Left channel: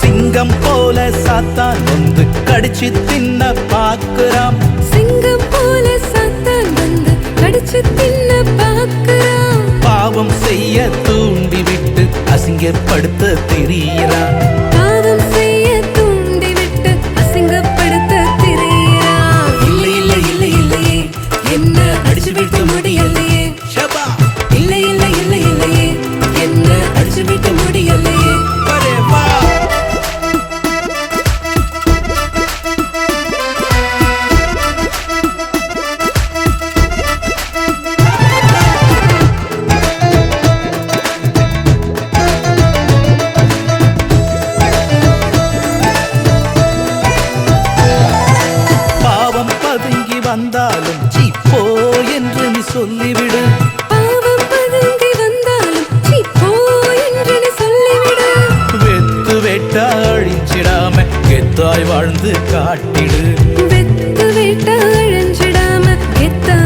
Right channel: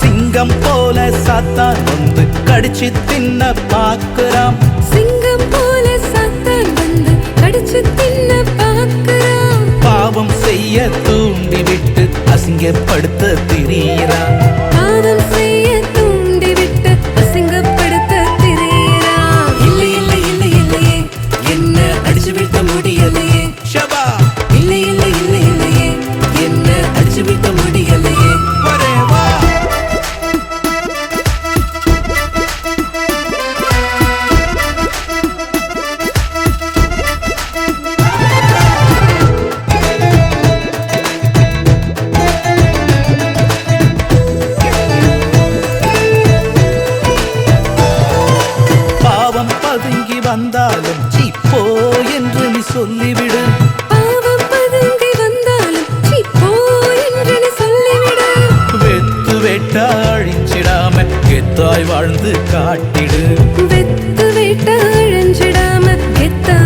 சிங்கம் போல சாத்தான் வந்து கடிச்சு தின்ன பாக்குறாம். சிங்கம் போல சாத்தான் வந்து கடிச்சு தின்ன பாக்குறான். பாவம் செய்ய தூண்டிவிட்டு அசிங்கப்படுத்த திரியிறான். பாவம் செய்ய தூண்டிவிட்டு அசிங்கப்படுத்த திரியிறான். இல்லை இல்லை இல்லை இல்லையே என்ன அடிச்சு விட்ட முடியலையே. இல்லை இல்லை இல்லை இல்லையே என்ன அடிச்சு விட்ட முடியலையே. பாவம் பதுங்கி வந்தாலும் சீப்போ என்று நீ சொல்லிவிடு. பாவம் பதுங்கி வந்தாலும் சீப்போ என்று நீ சொல்லிவிடு. வெத்து வேட்டா அழிஞ்சிடாம கெத்தாய் வாழ்ந்து காட்டிடு. வெத்து வேட்டா அழிஞ்சிடாம கெத்தா